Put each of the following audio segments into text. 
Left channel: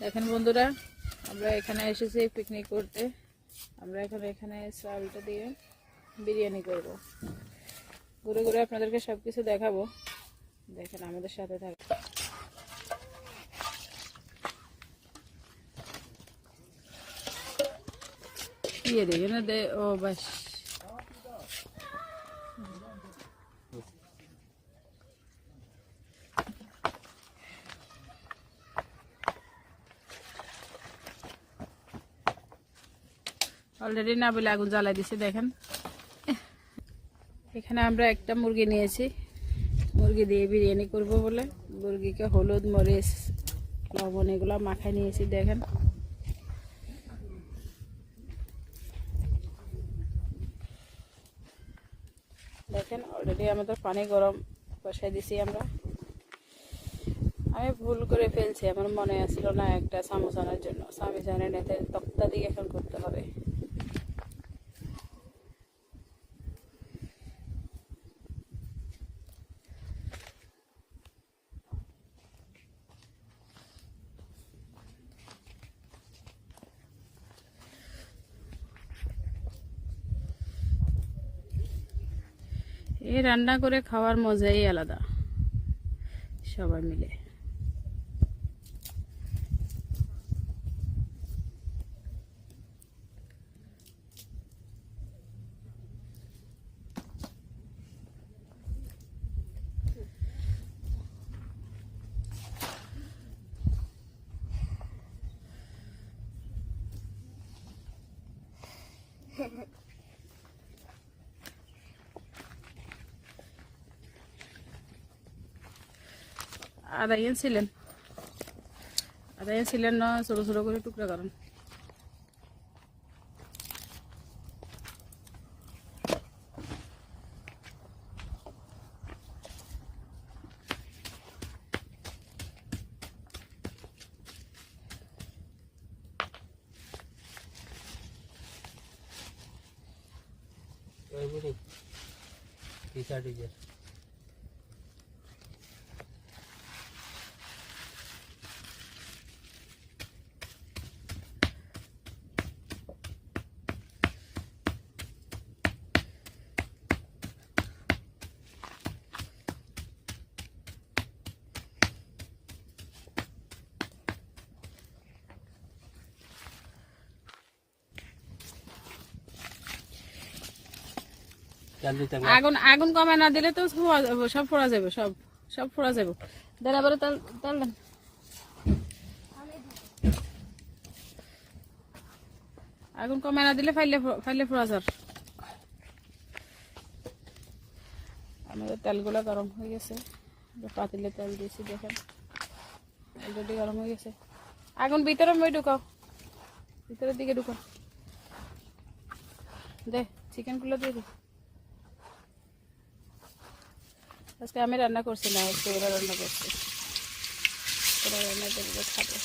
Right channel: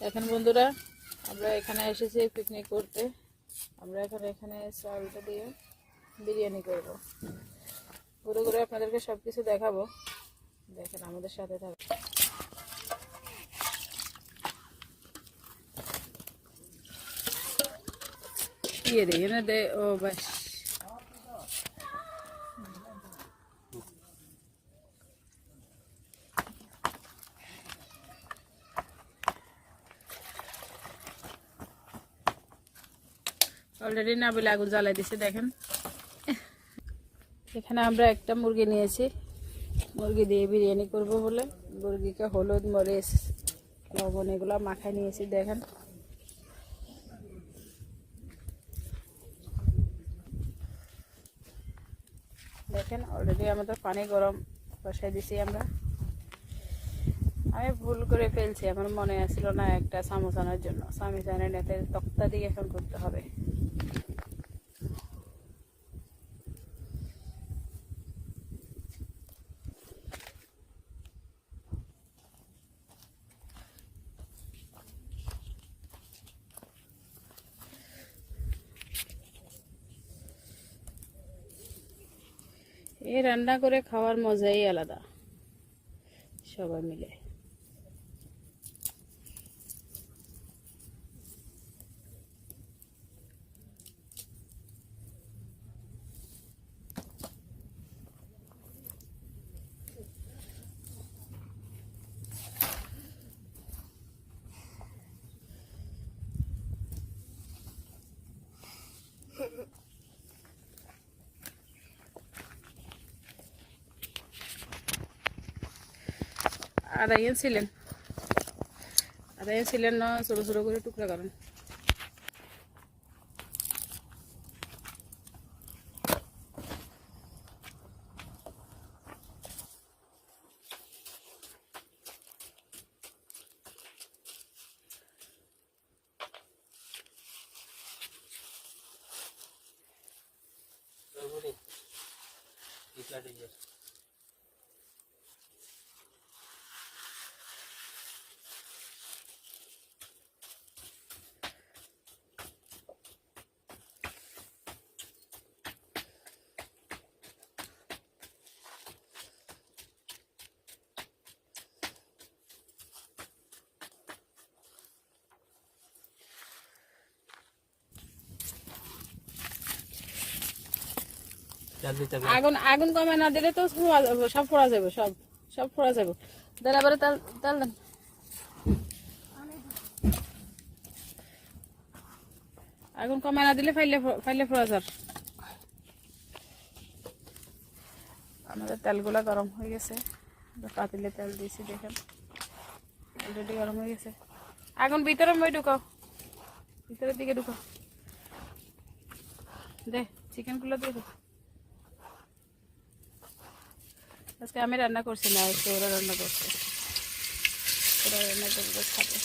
দেখেন বন্ধুরা, আমরা এখানে এসেছি পিকনিক করতে। আমরা এখন এখানে চালটা দিয়ে বিরিয়ানি করব। ঘুরে ঘুরে আপনাদেরকে সব কিছু দেখাবো। দেখেন আমাদের সাথে থাক ইয়ে দে এনে দে ও বাস। অলরেডি না বলে আগুন জ্বালাই দিছে, দেখেন। এখানে আমরা একটা মুরগি নিয়েছি। মুরগি দিয়ে বিরিয়ানি করব বলে। মুরগিকে হলুদ, মরিচ, লবণ এগুলো মাখায় নিয়েছি, দেখেন। দেখেন অলরেডি আমাদের পানি গরম বসাই দিছি আমরা। আমি ভুল করে ফেলছি, আমার মনে আছিল না একটা চামচ জন্য। আনে নেতে তক্তা দিয়ে এখন করতে হবে। এই রান্না করে খাওয়ার মজাই আলাদা। সবাই মিলে। আড়াইয়েন ছিলেন আড়াইয়েন ছিলেন না ছোটো ছোটো করে টুকরা করেন ওইগুলি পিসা ডিজের আগুন আগুন কমে না দিলে তো সব ফোড়া যাবে, সব সব ফোড়া যাবে। আবার তাল তাল আগুন কমে না দিলে ফাইলে ফাইলে ফোড়া যার। আমাদের তেলগুলো গরম হয়ে গেছে। পাতিলে তেল দিয়েছি, দেখেন। অলরেডি গরম হয়ে গেছে। আগুন ভিতরে মই ঢুকাও। ভিতরের দিকে ঢুকাও। দে চিকেনগুলো দিয়ে দে। আজকে আমি রান্না করছি না আজকে ওরা রান্না করছে। ওরা রান্না করবে খাবে।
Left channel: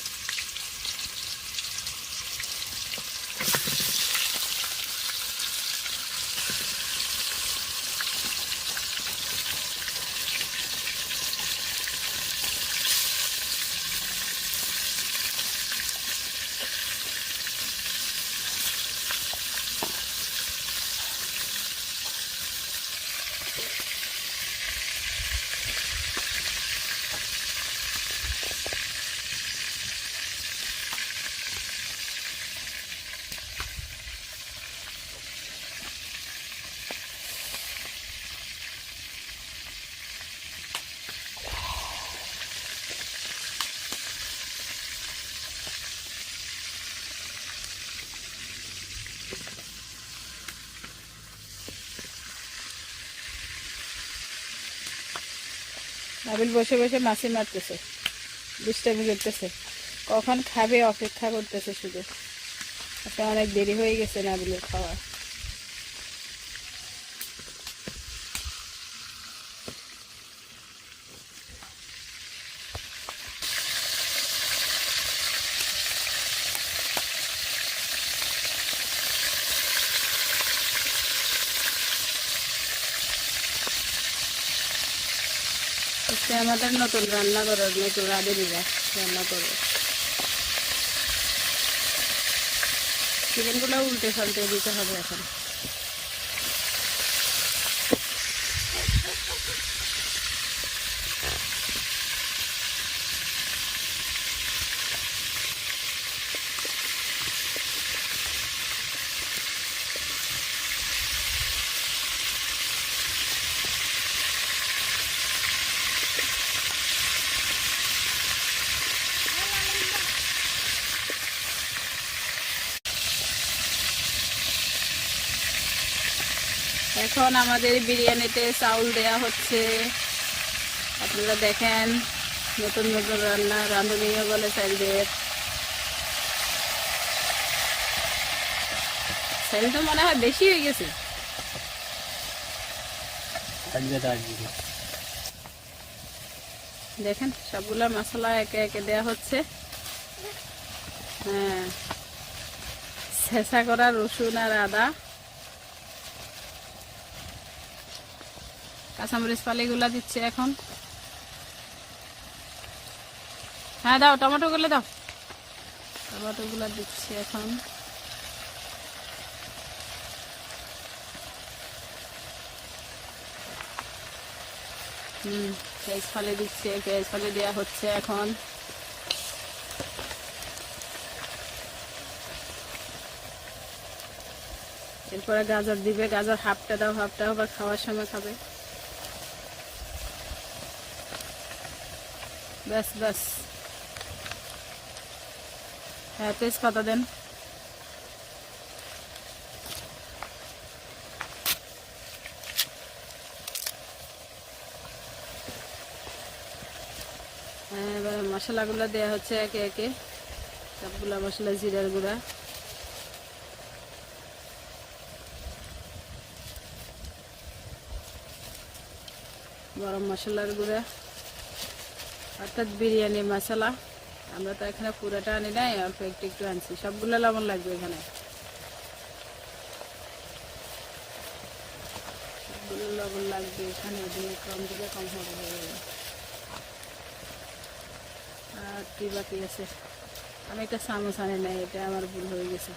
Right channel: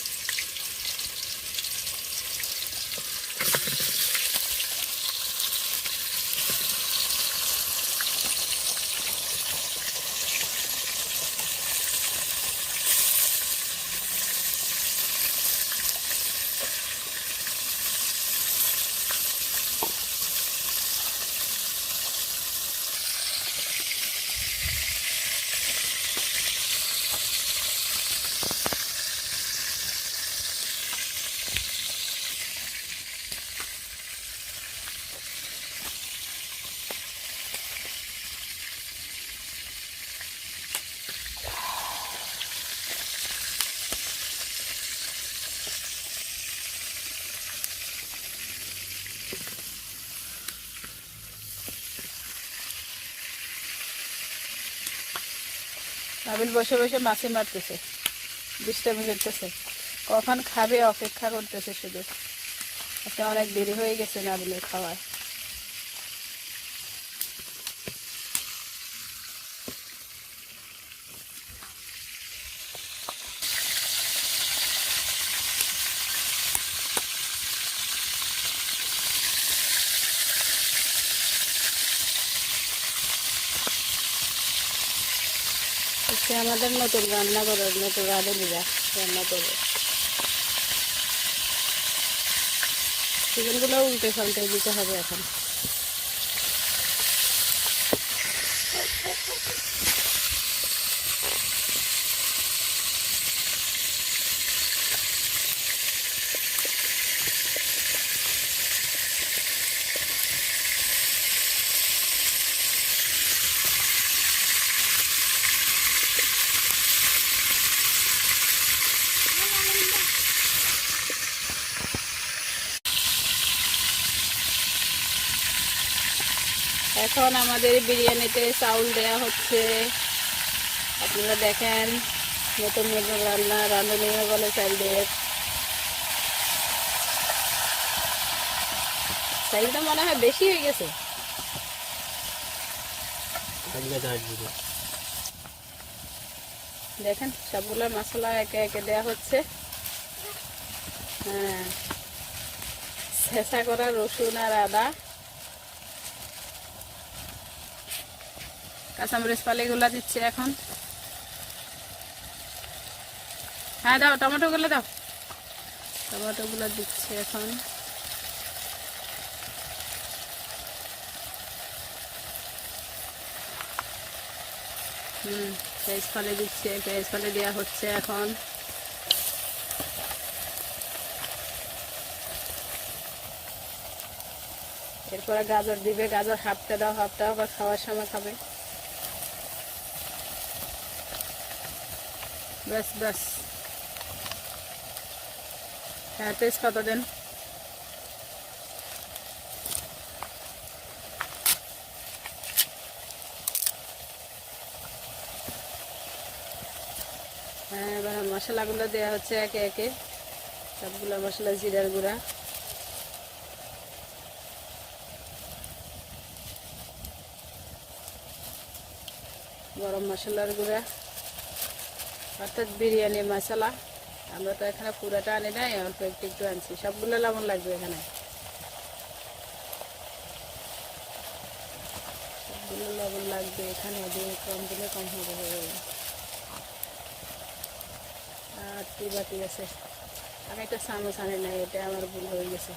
নাবিল বসে বসে মাছি মারতেছে। দুষ্টামি করতেছে কখন খাবে, অপেক্ষা করতেছে শুধু। আজকে অনেক দেরি হয়ে গেছে নাবিলের খাওয়ায়। সে আমাদের নতুন রান্না করে নতুন রাঁধুনিরা রান্না করে চিকেনগুলো উল্টে ফাল্টে দিতে হবে এখন। এখন আমাদের বিরিয়ানিতে চাউল দেয়া হচ্ছে। আপনারা দেখেন, নতুন নতুন রান্না রাঁধুনি বলে চাল দিয়ে চাল তো মনে হয় বেশি হয়ে গেছে। দেখেন, সবগুলো মশলা একে একে দেওয়া হচ্ছে। হ্যাঁ শেষা করা রসুন আর আদা। কাঁচামরিচ পালিগুলা দিচ্ছে এখন। হ্যাঁ দাও, টমেটো গুলো দাও। টমেটো গুলো দিচ্ছে এখন। হুম, পেঁয়াজ ফালে দিচ্ছে, পেঁয়াজ ফালে দেওয়া হচ্ছে এখন। এরপরে গাজর দিবে, গাজর হাফটা দাও, হাফটা আবার খাওয়ার সময় খাবে। ব্যাস ব্যাস। হ্যাঁ তেজপাতা দেন। হ্যাঁ এবার মশলাগুলো দেওয়া হচ্ছে একে একে। সবগুলো মশলা, জিরার গুঁড়া। গরম মশলার গুঁড়া। অর্থাৎ বিরিয়ানি, মশলা। আমরা তো এখানে পুরাটা আনি নাই, অল্প একটু একটু আনছি। সবগুলো লবণ লাগবে এখানে। সবগুলো লবণ লাগবে এখানে, দিয়ে কম দিলে কম হবে, হয়ে আর কি বাকি আছে? আমি একটা চামচ আনি নাই, এটা আমার ভুল হয়ে গেছে।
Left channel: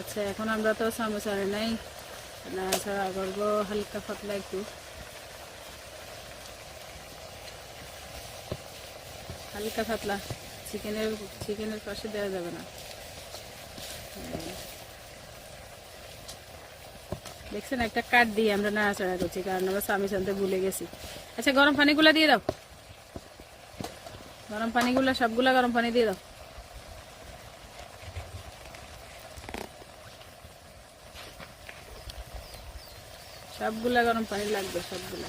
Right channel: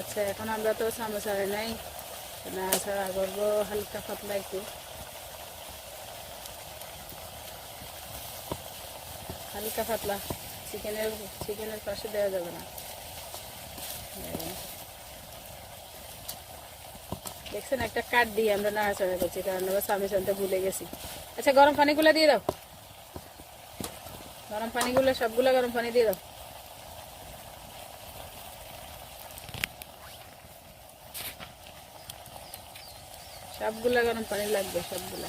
আচ্ছা এখন আমরা তো চামচ আনি নাই। না করব হালকা পাতলা একটু। হালকা পাতলা। চিকেনের চিকেনের পাশে দেওয়া যাবে না। দেখছেন, একটা কাঠ দিয়ে আমরা নাড়াচাড়া করছি, কারণ আমরা স্বামী আনতে ভুলে গেছি। আচ্ছা গরম পানিগুলো দিয়ে দাও। গরম পানিগুলো, সবগুলা গরম পানি দিয়ে দাও। সবগুলা গরম পানি লাগবে, সবগুলা।